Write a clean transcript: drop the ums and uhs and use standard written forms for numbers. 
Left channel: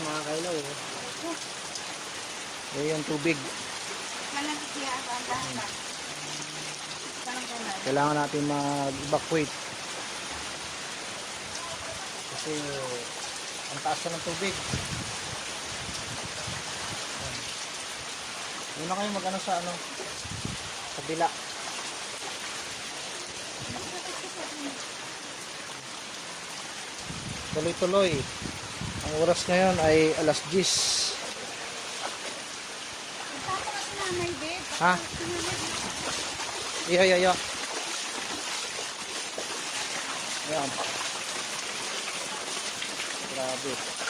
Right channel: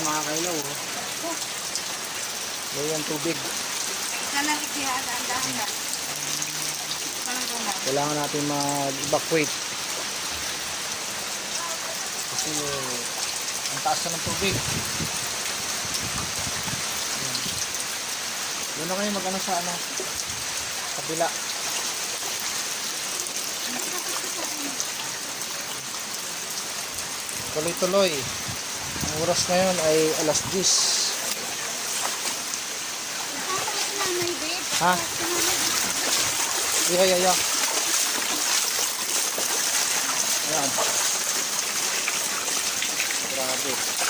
mga kayo. Ayan, tubig. Ito na bigyan, dahan-dahan lang. Kailangan natin mag-evacuate. Kasi ang taas na ng tubig. Doon na kayo mag-ano sa kabila. Tuloy-tuloy. Ang oras na yun ay alas 10. Ha? Iya. Ayan. Grabe.